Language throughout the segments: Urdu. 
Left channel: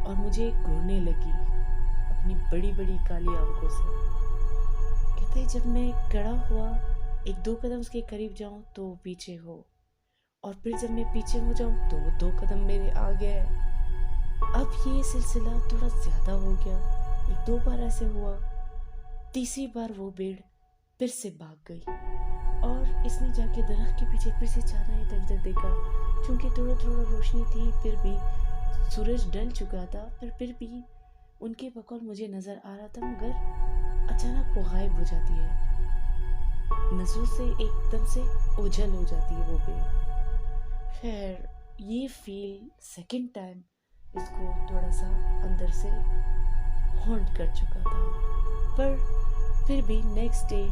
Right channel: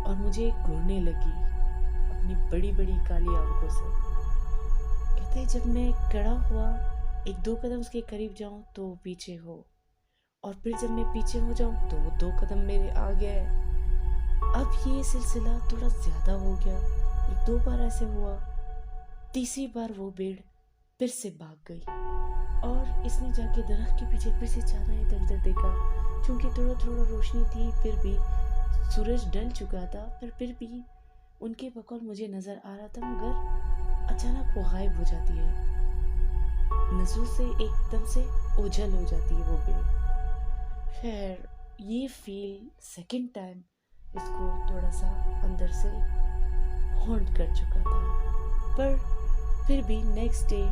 اور مجھے گھورنے لگی اپنی بڑی بڑی کالی آنکھوں سے۔ کہتے جب میں کڑا ہوا 1-2 قدم اس کے قریب جاؤں تو وہ پیچھے ہو، اور پھر جب میں پیچھے ہو جاؤں تو وہ 2 قدم میرے آگے ہے۔ اب یہ سلسلہ تھوڑا زیادہ ہو گیا، 1-2 بار ایسے ہوا۔ تیسری بار وہ بھیڑ پھر سے بھاگ گئی، اور اس نے جا کے درخت کے پیچھے پھر سے چارہ ادھر ادھر دیکھا۔ چونکہ تھوڑا تھوڑا روشنی تھی، پھر بھی سورج ڈل چکا تھا، پر پھر بھی ان کے بقول مجھے نظر آ رہا تھا، مگر اچانک وہ غائب ہو جاتی ہے، نظروں سے ایک دم سے اوجھل ہو جاتی ہے وہ بھیڑ۔ خیر یہ فیل سیکنڈ ٹائم اس کو تھوڑا سا اندر سے ہانٹ کر چکا تھا، پر پھر بھی نیکسٹ ڈے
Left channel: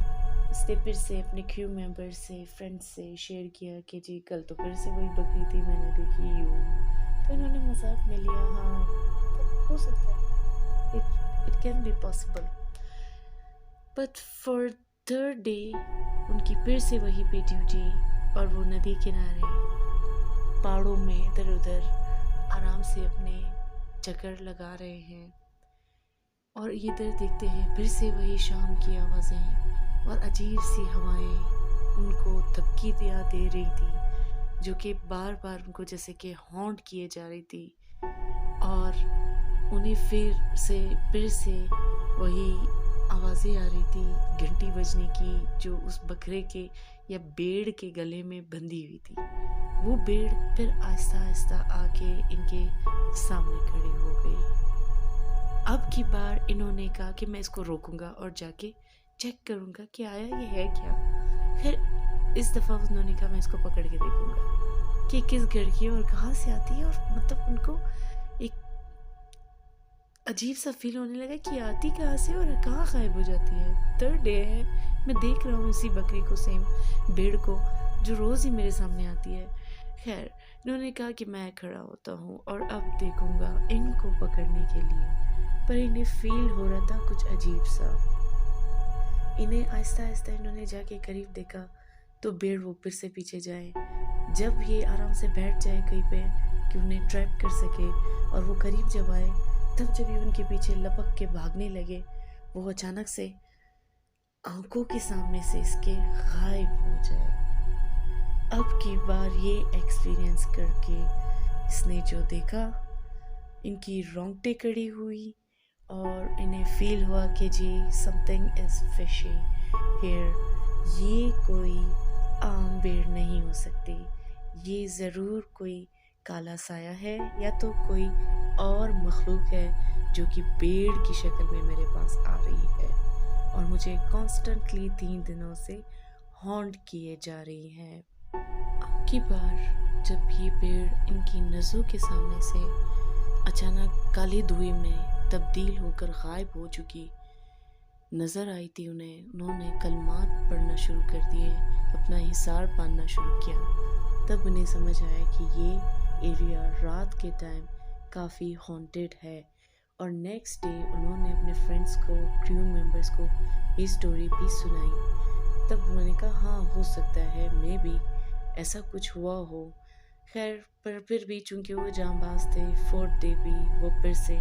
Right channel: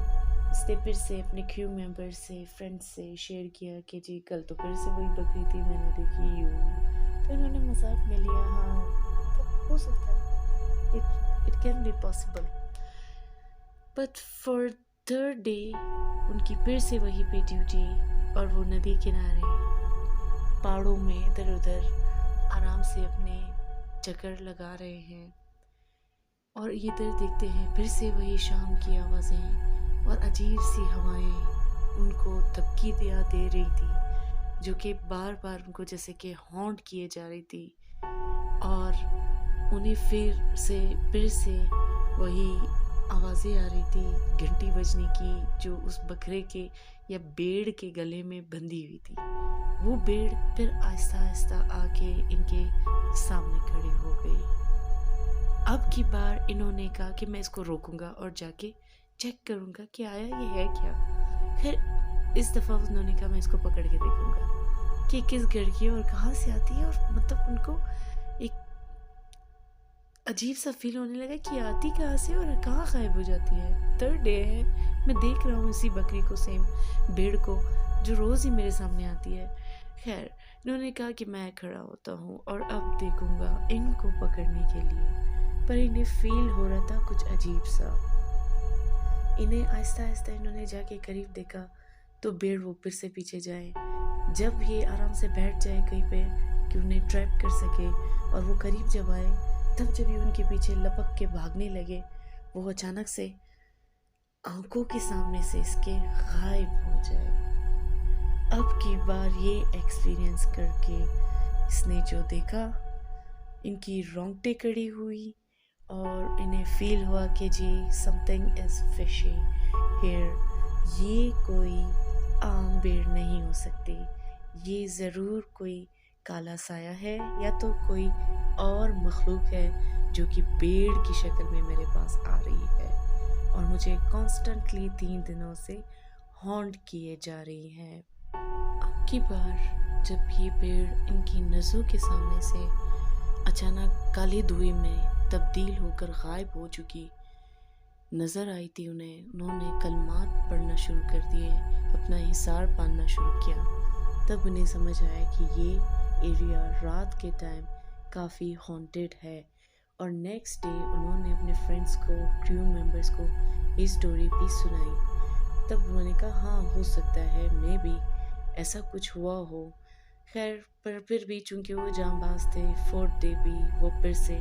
اس نے پھر سے اپنے کریو ممبر سے، فرینڈ سے شیئر کیا کہ جی کل تو پھر سے وہی بکری تھی، میں نے دیکھی یوں۔ تو انہوں نے مذاق میں لیا، ہاں مطلب ہو سکتا ہے، it can be possible. But for third day ان کی پھر سے وہی پہ ڈیوٹی، اور وہ ندی کنارے پہاڑوں میں ادھر ادھر آرام سے اپنے چکر لگا رہے ہیں، اور ادھر دیکھتے ہیں پھر سے وہی شام کی آوازیں اور عجیب سی ہوائیں ان کو دھبکی دے رہی تھی، جو کہ بار بار ان کو جیسے کہ ہانٹ کیے جا رہی تھی، اور انہیں پھر سے وہی آوازیں آ رہی تھی گھنٹی بجنے کی، جو اس بکرے کے یا بھیڑ کے گلے میں بندھی ہوئی تھی۔ وہ بھیڑ پھر آہستہ آہستہ آ کے ان کے سامنے کھڑی ہو گئی۔ اب کی بار انہوں نے کہا کہ میں اس کو روکوں گا اور جا کے چیک کروں گا کہ آیا یہ ہے کیا۔ پھر اس دفعہ انہوں نے کہا میں اس کو پکڑ کے دیکھوں گا کہ کس گھر کی ہے اور کہاں سے آتی ہے، اور مطلب ان کو ایک عجیب سا فیل ہونے لگا کہ آتی کہاں سے اور کہاں غائب ہو جاتی ہے۔ تھرڈ ڈے ہے، میں دیکھ رہا ہوں اسی بکری کو، سیم بھیڑ کو، جو روز ہی میرے سامنے آتی ہے۔ خیر انہوں نے کہا کہ میں کھڑا ہوتا ہوں اور اب دیکھوں گا ان کو پکڑنے کے لیے، پر انہیں فیل ہو رہا تھا کچھ عجیب سا۔ انہیں آہستہ آہستہ انہوں نے جا کے قریب دیکھا تو بھیڑ وہ پھر سے پیچھے جائے۔ جب یہ آرام سے بیٹھ جائے کہیں پہ کہ انہیں ٹریپ کر سکے، اور وہ قریب جب آئے تب جب یہ ان کے پیچھے لپک کے بھاگنے لگے، وہ اچانک سے آنکھوں کے سامنے سے اس کے غائب ہو جائے۔ اب کی بار یہ ایکسپیرینس کر کے اس نے جو دیکھا، ان کی رونگٹیں کھڑی ہوئی، اور انہیں فیل ہوا کہ جی something is fishy here، یہ کوئی عام بھیڑ نہیں ہو سکتی، یہ ضرور کوئی کالا سایہ ہے یا تو کوئی اور مخلوق ہے جو کہ بھیڑ کی شکل میں میرے پاس آ رہی ہے، اور مجھے کانسٹنٹلی 3 دنوں سے ہانٹ کیے جا رہی ہے۔ اب کی بار جب یہ بھیڑ ان کی نظروں کے سامنے سے اچانک کالے دھوئے میں تبدیل ہو کر غائب ہو چکی نظر آئی تھی، انہوں نے کلمات پڑھنا شروع کر دیے، اپنا حصار باندھنا شروع کیا، تب انہیں سمجھ آیا کہ یہ ایریا رات کے ٹائم کافی ہانٹیڈ ہے۔ اور نیکسٹ ڈے انہوں نے اپنے فرینڈس کو، کریو ممبرس کو یہ سٹوری بھی سنائی، تب انہوں نے کہا ہاں ہو سکتا ہے مے بی ایسا کچھ ہوا ہو۔ خیر پر پھر بھی چونکہ وہ جاں باز تھے، 4th ڈے بھی وہ پھر سے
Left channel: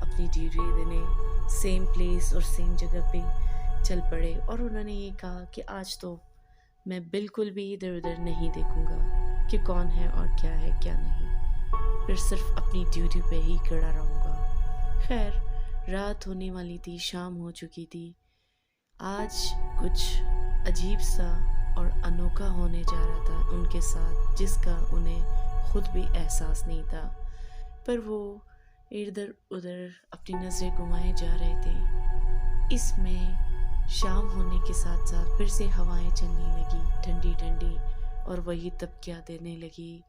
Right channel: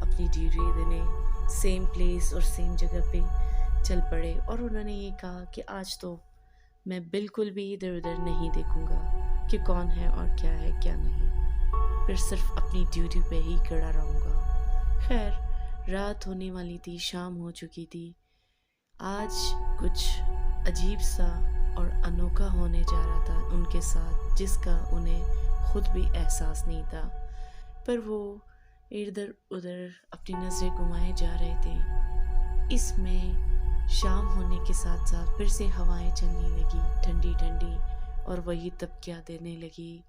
اپنی ڈیوٹی دینے سیم پلیس اور سیم جگہ پہ چل پڑے، اور انہوں نے یہ کہا کہ آج تو میں بالکل بھی ادھر ادھر نہیں دیکھوں گا کہ کون ہے اور کیا ہے کیا نہیں، پھر صرف اپنی ڈیوٹی پہ ہی کھڑا رہوں گا۔ خیر رات ہونے والی تھی، شام ہو چکی تھی، آج کچھ عجیب سا اور انوکھا ہونے جا رہا تھا ان کے ساتھ، جس کا انہیں خود بھی احساس نہیں تھا، پر وہ ادھر ادھر اپنی نظریں گھمائے جا رہے تھے۔ اس میں شام ہونے کے ساتھ ساتھ پھر سے ہوائیں چلنے لگی ٹھنڈی ٹھنڈی، اور وہی تبکیاں دینے لگی،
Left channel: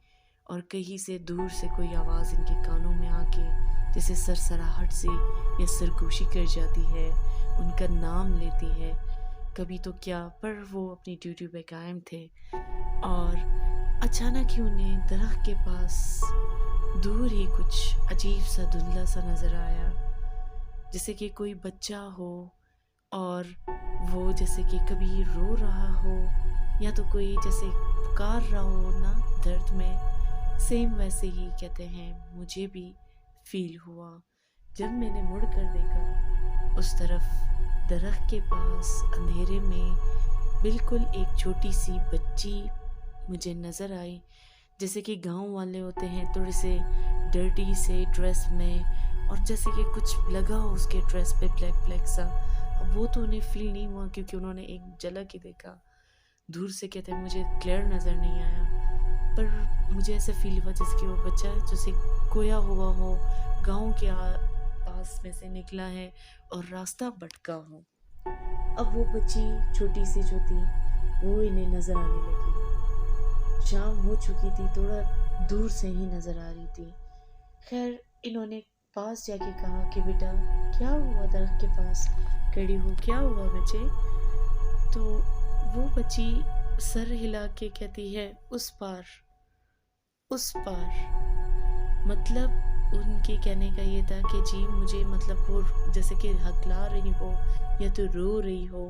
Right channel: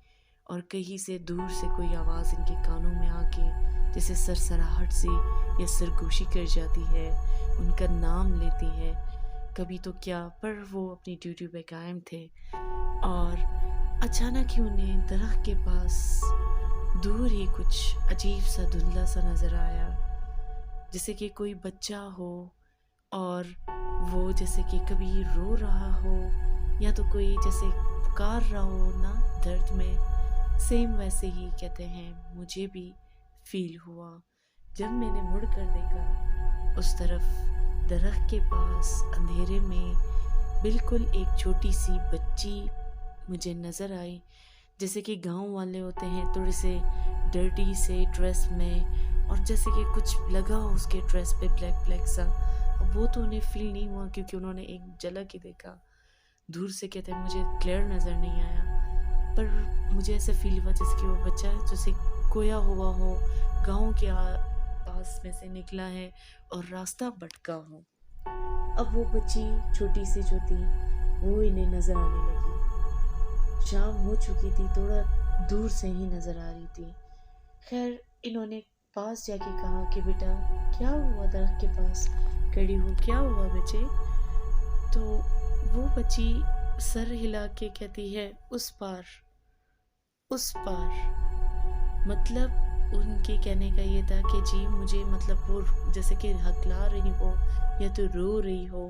اور کہیں سے دور سے کوئی آواز ان کے کانوں میں آ کے جیسے سرسراہٹ سی یا سرگوشی کر جاتی ہے، ان کا نام لیتی ہے، کبھی تو کیا، پر وہ اپنی ڈیوٹی پہ قائم تھے۔ اور اچانک ہی انہیں درخت کے پاس دور ہی کچھ عجیب سا دھندلا سا نظر آیا، جیسے کہ کوئی بچہ ہو، اور وہ جیسے کہ کبھی رو رہا ہو یا تو کوئی جیسے پکار رہا ہو نا درد میں، سیم ویسے ہی کہتے ہیں مجھے بھی فیل ہوا جب میں نے مڑ کر دیکھا اس طرف درخت کے پاس اندھیرے میں بالکل ایک چھوٹی سی بچی مجھے نظر آئی، جیسے کہ گاؤں والے ہوتے ہیں تھوڑے سے ڈرٹی سے ڈریس میں، اور جیسے کہ کچھ لگا ہو اس کے ڈریس پہ بلیک بلیک سا۔ اب وہ تو انہیں فیل نہیں ہوا کیونکہ انہوں نے ایک جھلک ہی دیکھا، دور سے کہتے ہیں مجھے کلیئر نظر نہیں آیا، پر مجھے ایسا فیل ہوا جیسے کہ وہ بچہ جیسے کھویا ہوا ہو، گاؤں کے پاس میں سے نکلا ہے اور راستہ بھٹکا ہو۔ اب وہ بچی چھوٹی سی جو تھی وہ انہیں نظر آنے لگی، شام ہو چکی تھی، تھوڑا دور سے ہی نظر آ رہی تھی۔ خیر انہوں نے پاس جا کے کہا کہ بیٹا کیا ہوا، درخت کے پاس کھڑی ہو، کیا ہوا بچے؟ تو وہ بچی سر ہلا کے کہتی ہے اس پار، اس پار۔ مطلب ان کے کہنے کا یہ تھا کہ جی مجھے مطلب وہ جیسے کہ ہکلا رہی ہو یا تو رو رہی ہو،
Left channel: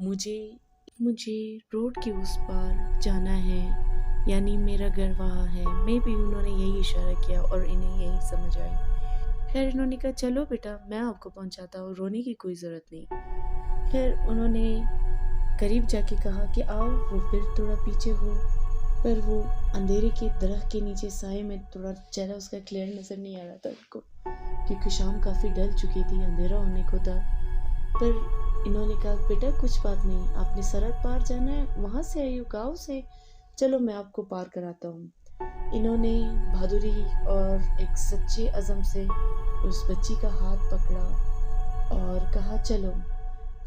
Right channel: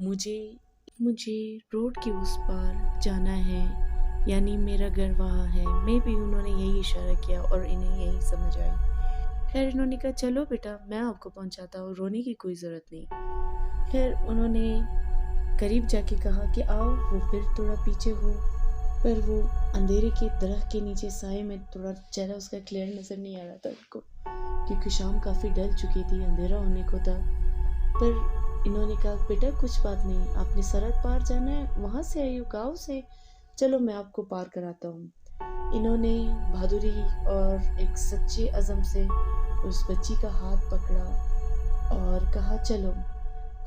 مجھے روڈ کے اس پار جانا ہے، یعنی میرا گھر وہاں ہے۔ میں بھی انہوں نے یہی اشارہ کیا اور انہیں یہی سمجھ آئی۔ خیر انہوں نے کہا چلو بیٹا میں آپ کو پہنچاتا ہوں، رونے کی کوئی ضرورت نہیں۔ خیر انہوں نے قریب جا کے کہا کہ آؤ، وہ پھر تھوڑا پیچھے ہو، پر وہ اندھیرے کے درخت کے نیچے سائے میں تھوڑا چہرہ اس کا کلیئر نظر نہیں آ رہا تھا ان کو، کیونکہ شام کافی ڈل چکی تھی، اندھیرا ہونے کو تھا۔ پر انہوں نے کہا بیٹا کچھ بات نہیں، آپ نے سڑک پار جانا ہے، وہاں سے آئی ہو گاؤں سے، چلو میں آپ کو پار کراتا ہوں۔ انہوں نے بہادری اور ایک سچے عزم سے اس بچی کا ہاتھ پکڑا اور کہا چلو۔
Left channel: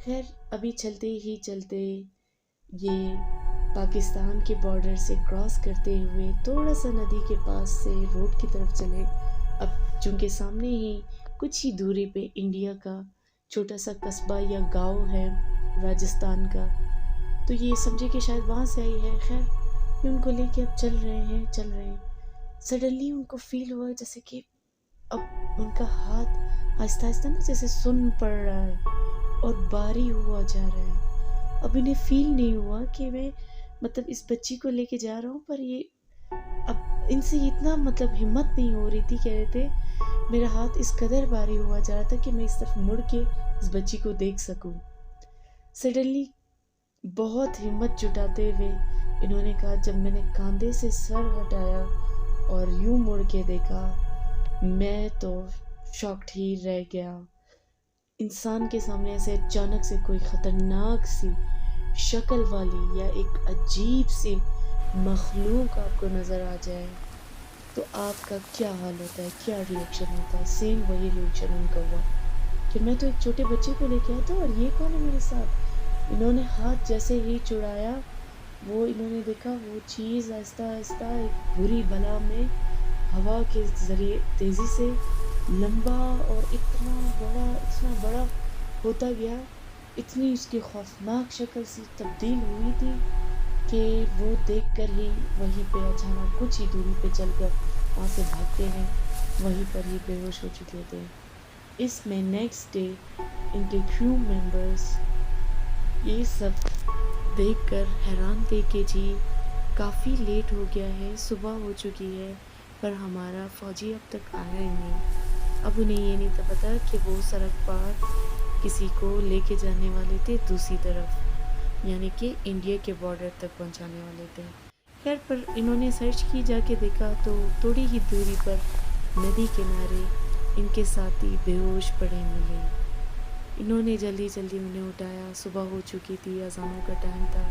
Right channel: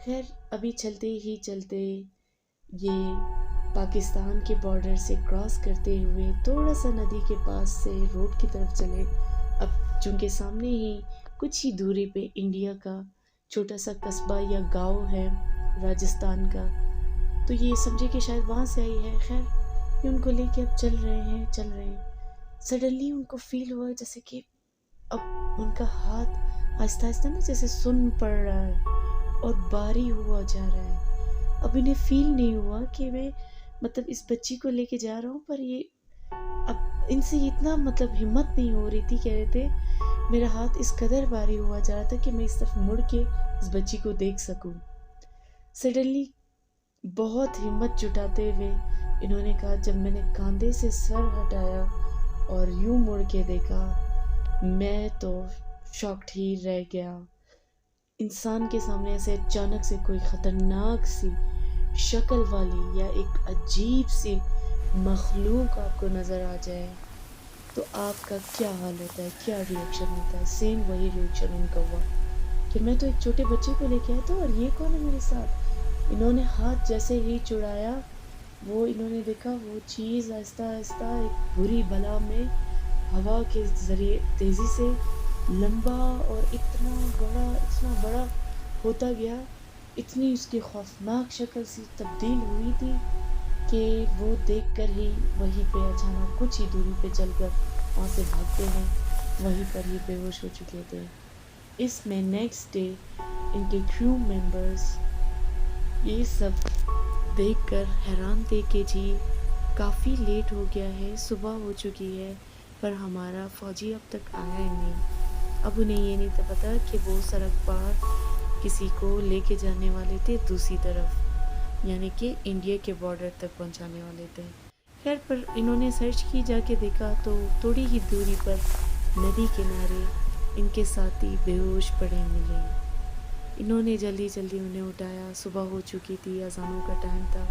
خیر ابھی چلتے ہی چلتے یہ پاکستان کے بارڈر سے کراس کرتے ہوئے تھوڑا سا ندی کے پاس سے روڈ کی طرف چلے۔ اب چونکہ سامنے ہی کچھ ہی دوری پہ انڈیا کا چھوٹا سا قصبہ یا گاؤں ہے راجستھان کا، تو یہ سمجھے کہ شاید وہاں سے آئی ہے۔ خیر یہ ان کو لے کے اب چل رہے ہیں، سڈنلی ان کو فیل ہوا جیسے کہ اب ان کا ہاتھ آہستہ آہستہ نا جیسے سن پڑ رہا ہے اور بھاری ہوا جا رہا ہے۔ اب انہیں فیل نہیں ہوا کہ میں مطلب اس بچی کو لے کے جا رہا ہوں، پر یہ اب ان سے اتنا مطلب ہمت نہیں ہو رہی تھی، کہہ رہے تھے میرا ہاتھ اس قدر بھاری ہوا جا رہا تھا کہ میں اس طرف مڑ کے اس بچی کو دیکھ سکوں۔ سڈنلی بہت ہمت جٹاتے ہوئے انہوں نے کہا جب میں نے کاندھے سے سر ہٹایا اور یوں مڑ کے دیکھا، میں تو شاکڈ ہی رہ گیا۔ انسان کے سامنے ایسے اچانک سے کوئی خطرناک سی شکل والی یا ایک عجیب سی مخلوق آپ کو نظر آ جائے تو آپ کا کیا حال ہوتا ہے، کیا ریئیکشن ہوتا ہے؟ سیم وہی ریئیکشن ان کا ہوا کہ میں تو ایک چھوٹے بچے کو لے کے آیا تھا اور یہ کون ہے میرے ساتھ۔ انہوں نے ہاتھ جیسے ہی چڑھایا، وہ انہوں نے دیکھا وہ چیز آہستہ آہستہ ایک بری بلا میں ہوا کے ذریعے تیزی سے لمبا اور اتنا بڑا ہوتا گیا، اتنی اس کی خوفناک شکل سی تبدیل ہوئی تھی کہ وہ دیکھ کر ہی وہیں پہ اچانک کچھ ہی دوری پہ چل کر وہاں سے بھاگتے ہیں وہیں پر ہی بے ہوش ہو چکے تھے۔ اس میں نیکسٹ ڈے ان کے کریو ممبرز یہ سب دیکھ کر حیران تھے کہ جی کافی لیٹ ہو گیا ہے، صبح ہو چکی ہے، پر ہمارا فوجی اب تک آیا ہی نہیں۔ اب انہیں یہ نہیں تھا پتا کہ وہ سڑک پار کسی کو لے کے جانے والے تھے دوسری طرف، یعنی کہ انڈیا کے بارڈر تک پہنچانے والے تھے۔ خیر پر انہوں نے سرچ کی، جا کے دیکھا تو تھوڑی ہی دوری پر ندی کنارے ان کے ساتھی بے ہوش پڑے ملے۔ انہوں نے جلدی انہیں اٹھایا، صبح ہو چکی تھی، اذانوں کا ٹائم تھا،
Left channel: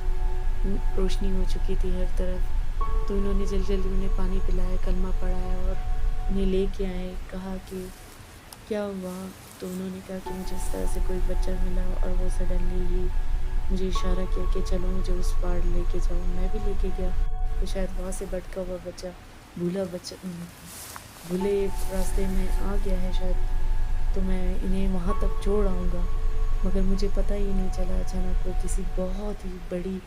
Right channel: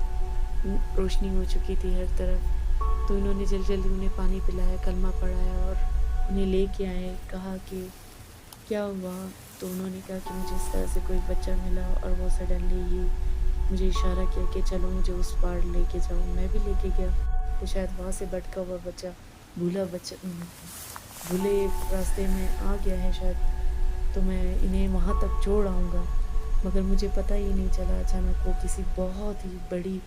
روشنی ہو چکی تھی ہر طرف، تو انہوں نے جلدی انہیں پانی پلایا، کلمہ پڑھایا اور انہیں لے کے آئے۔ کہا کہ کیا ہوا؟ تو انہوں نے کہا کہ مجھے اس طرح سے کوئی بچہ ملا اور وہ سڈنلی ہی مجھے اشارہ کیا کہ چلو مجھے اس پار لے کے جاؤ۔ میں بھی لے کے گیا کہ شاید وہاں سے بھٹکا ہوا بچہ بھولے راستے میں آ گیا ہے شاید، تو میں انہیں وہاں تک چھوڑ آؤں گا، مگر مجھے پتہ ہی نہیں چلا اچانک وہ کسی بہت ہی بڑی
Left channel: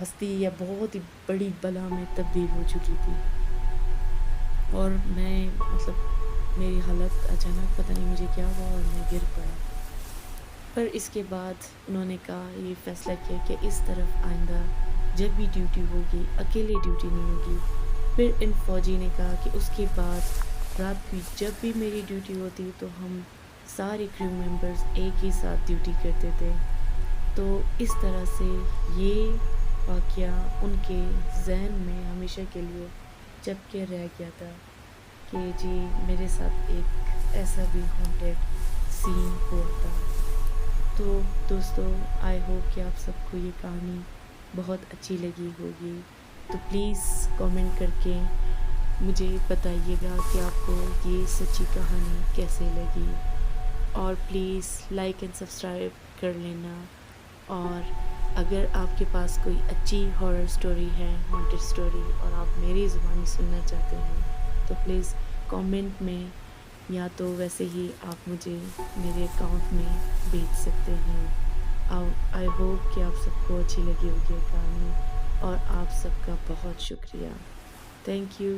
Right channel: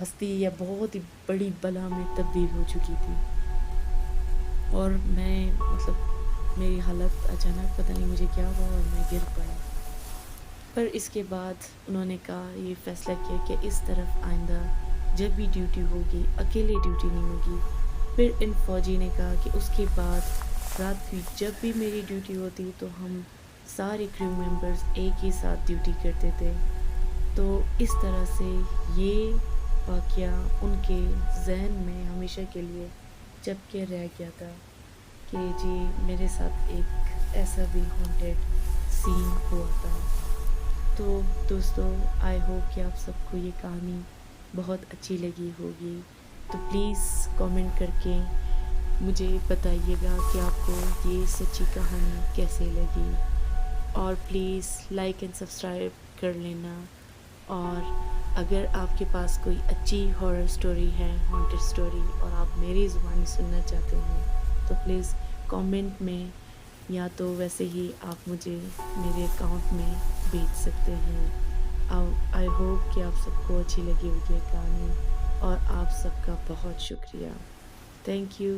ہستی یا بہت ہی بڑی بلا میں تبدیل ہو چکی تھی، اور میں مطلب میری حالت اچانک پتہ نہیں مجھے کیا ہوا اور میں گر پڑا۔ پر اس کے بعد انہوں نے کہا، یہ فیصلہ کیا کہ اس طرف آئندہ جب بھی ڈیوٹی ہوگی اکیلے ڈیوٹی نہیں ہوگی۔ پھر ان فوجی نے کہا کہ اس کے بعد رات کی جب بھی میری ڈیوٹی ہوتی تو ہم سارے کریو ممبرز ایک ہی ساتھ ڈیوٹی کرتے تھے. تو اس طرح سے یہ واقعہ ان کے ذہن میں ہمیشہ کے لیے چپ کے رہ گیا تھا کہ جی میرے ساتھ ایک ایسا بھی ہانٹیڈ سین ہوا تھا. تو دوستو آئی ہوپ کہ آپ سب کو یہ کہانی بہت اچھی لگی ہوگی. تو پلیز کامنٹ کر کے مجھے بتائیے گا کہ آپ کو یہ سچی کہانی کیسے لگی، اور پلیز لائک اینڈ سبسکرائب کر لینا. اور اگر آپ کے پاس کوئی اچھی ہارر سٹوری ہے، ہانٹیڈ سٹوری، اور آپ میری زبانی سننا چاہتے ہیں تو پلیز کامنٹ میں یا تو ویسے ہی آپ مجھے میرے اکاؤنٹ میں بھیج سکتے ہیں. آئی ہوپ کہ آپ سب کو اچھی لگی ہوگی یہ کہانی، اور آپ سب کا بہت شکریہ. Thank you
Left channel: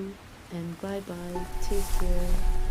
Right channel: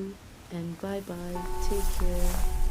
and bye bye. Take care.